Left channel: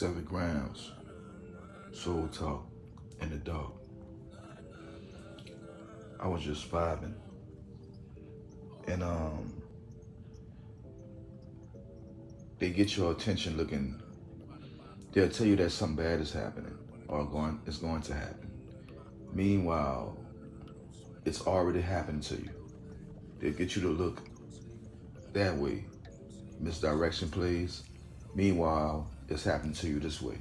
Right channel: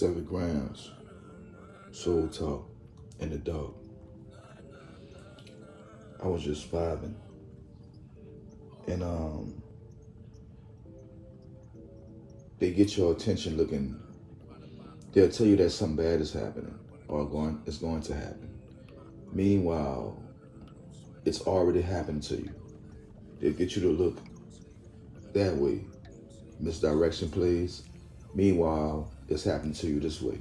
SVNGramz SOULTALK in the dark. I was just vibing, and they get your attention looking. They'll tell you that something bad is happening or is going to happen. Meanwhile, it's already happened to you. They'll get you to look that way. Misdirection plays. Meanwhile, it's happening to you this way.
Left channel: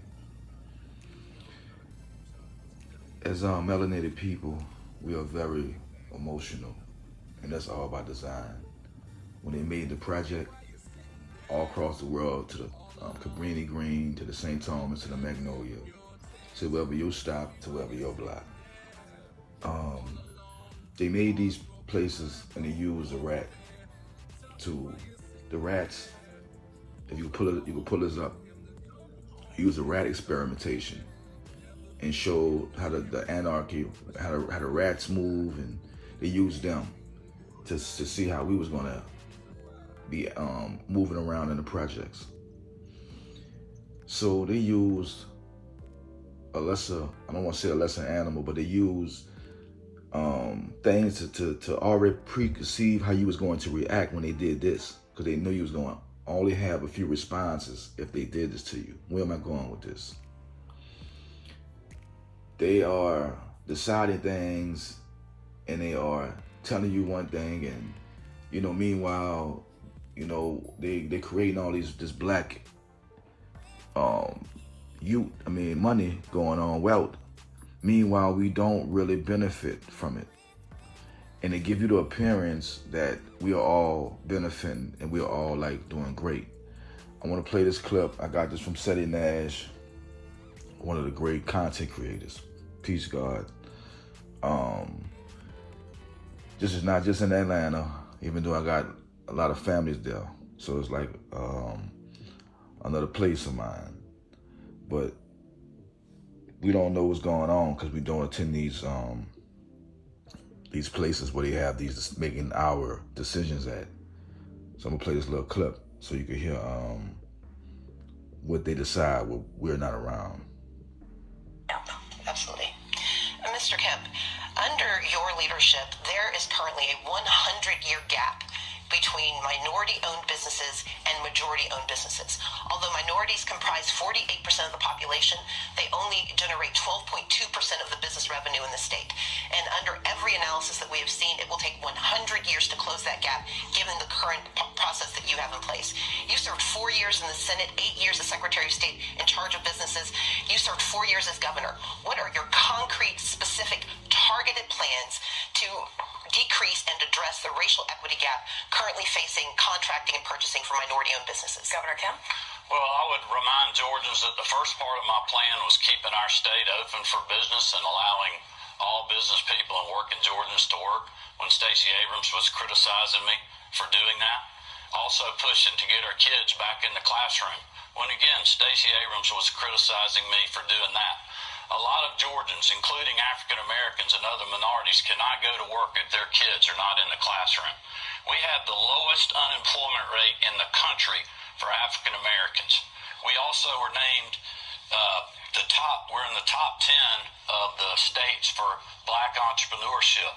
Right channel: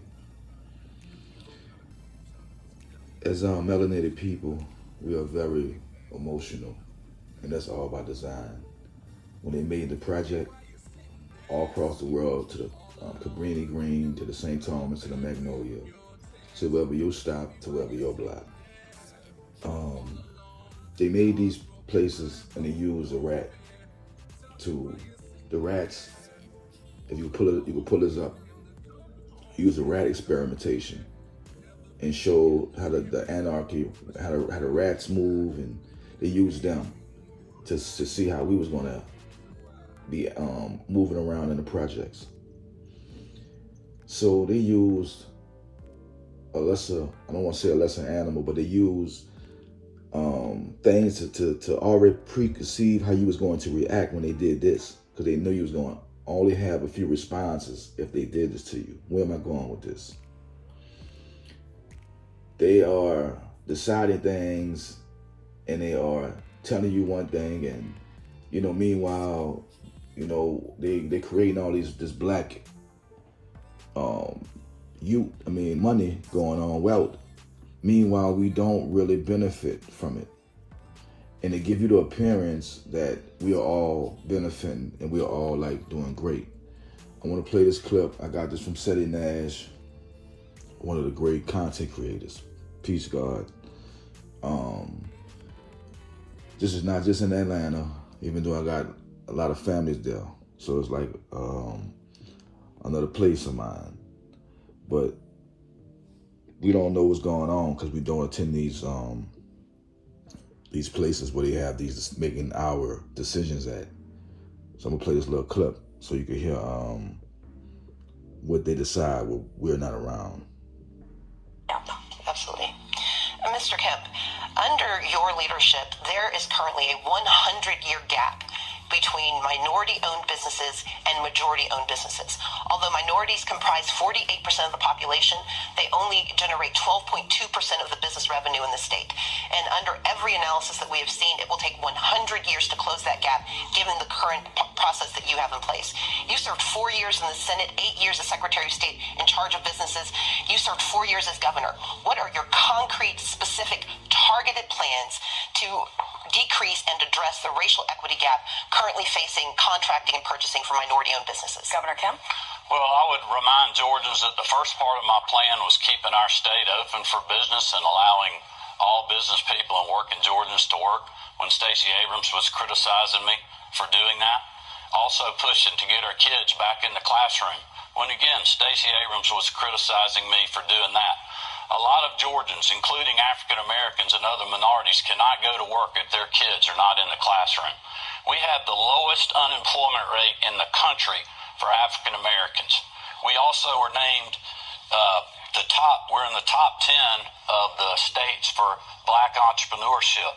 As melanated people, we are very emotional, and that's all by design. When they made the project all across the world, to the Cabrini Green, to the St. Thomas, to the Magnolia, to wherever you stop, to wherever your block. They made these places and they used the rats. If you can pull this up. Use the rat experimentation and show how the anarchy, how the rats move, and they used them to see how we was gonna be moving around in the projects. So they used I don't want to say a lesser animal, but they used things to already preconceive how you was going to react when they did this, because they knew you was going to only have a few responses if they did this to you. Where am I going with this? They are deciding things and they are telling you one thing, and meanwhile, they creating all this black money going on, wealth. Meanwhile, we don't really benefit from it. And they give you the appearance that we are all benefiting and we are all like doing great. I want to play this clip. I got this from Seti Nash, one of the great content creators. Peace, God. This is not just in Atlanta, even though I got a lot of families there. So it's like another place of mine. But we don't know what's going on because we don't attend these places where they have these making our decisions at. So I'm gonna play this little clip so you can hear what they decide when we're not around. Absolutely. Mr. Kemp, under your leadership, there is currently a 100-year gap between minority-owned businesses and majority-owned businesses. Although minorities comprise 48% of the population, they only generate 12.2% of the business revenue in the state. And under every analysis that we have seen, it will take 100 years to close that gap, given the current process that you have in place. You served 4 years in the Senate, 8 years as Secretary of State in charge of businesses. You served 4 years as governor. What are your concrete, specific, targeted plans to decrease and address the racial equity gap currently facing contracting and purchasing for minority-owned businesses? Governor Kemp? Well, I would remind Georgians that the first part of my plan was keeping our state open for business and allowing all business people and working Georgians to work when Stacey Abrams was criticizing me for doing that. Also pushing to get our kids back in the classroom when, again, Stacey Abrams was criticizing me for doing that. A lot of Georgians, including African Americans and other minorities, cannot go to work if their kids are not in the classroom. We have the lowest unemployment rate in the country for African Americans. We also were named we're in the top 10 of the states for black entrepreneurship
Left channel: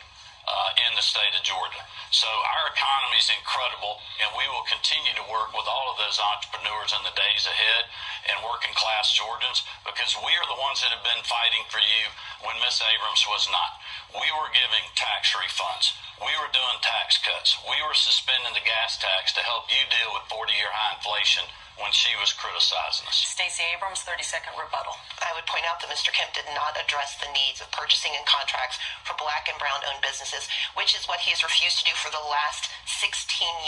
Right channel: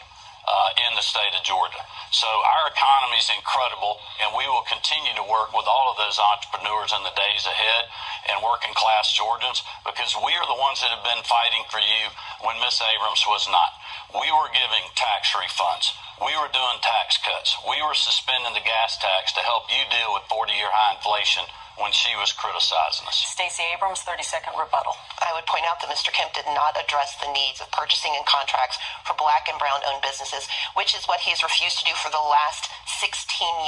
in the state of Georgia. So our economy is incredible, and we will continue to work with all of those entrepreneurs in the days ahead and working class Georgians, because we are the ones that have been fighting for you when Miss Abrams was not. We were giving tax refunds. We were doing tax cuts. We were suspending the gas tax to help you deal with 40-year high inflation when she was criticizing us. Stacey Abrams, 30-second rebuttal. I would point out that Mr. Kemp did not address the needs of purchasing and contracts for black and brown-owned businesses, which is what he's refused to do for the last 16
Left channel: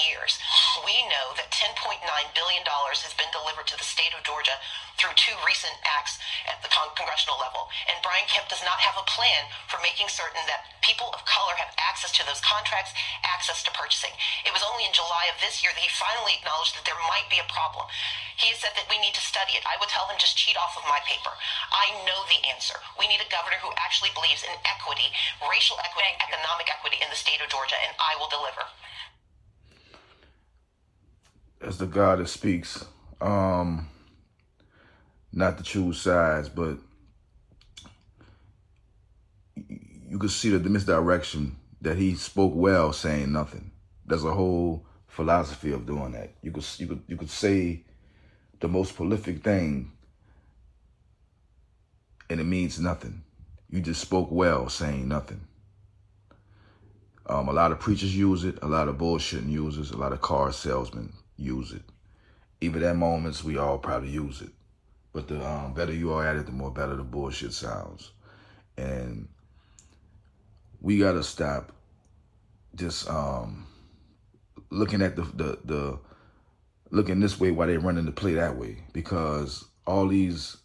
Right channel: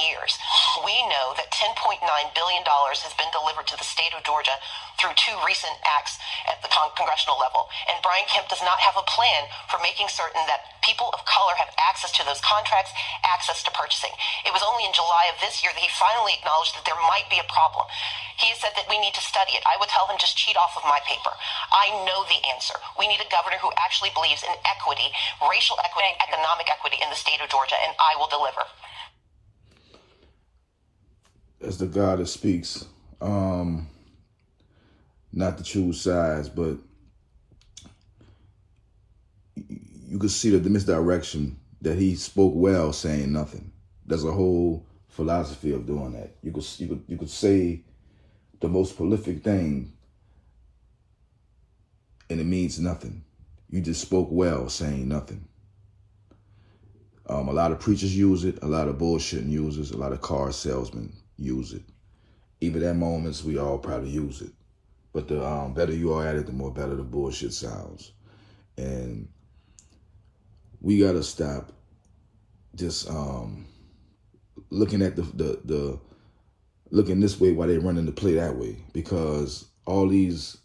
years. We know that $10.9 billion has been delivered to the state of Georgia through 2 recent acts at the congressional level. And Brian Kemp does not have a plan for making certain that people of color have access to those contracts, access to purchasing. It was only in July of this year that he finally acknowledged that there might be a problem. He said that we need to study it. I would tell him, just cheat off of my paper. I know the answer. We need a governor who actually believes in equity, racial equity, economic equity in the state of Georgia, and I will deliver. As the God that speaks, not to choose sides, but you could see the misdirection that he spoke well saying nothing. There's a whole philosophy of doing that. You could say the most prolific thing and it means nothing. You just spoke well saying nothing. A lot of preachers use it. A lot of bullshitting users. A lot of car salesmen use it. Even at moments, we all probably use it. But the better you are at it, the more better the bullshit sounds. And we gotta stop just looking at the looking this way while they running the play that way, because all this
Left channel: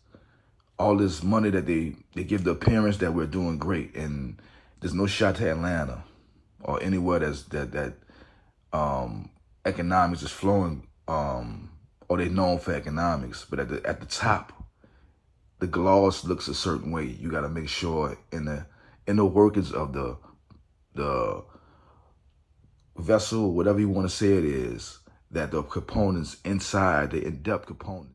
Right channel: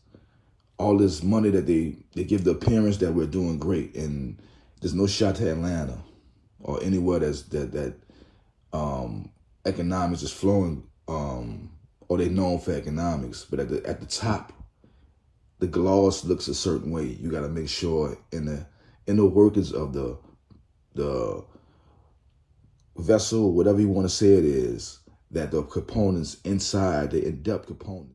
money that they give the appearance that we're doing great, and there's no shot to Atlanta or anywhere that economics is flowing, or they known for economics. But at the top, the gloss looks a certain way. You got to make sure in the workings of the vessel, whatever you want to say it is, that the components inside, the in-depth components,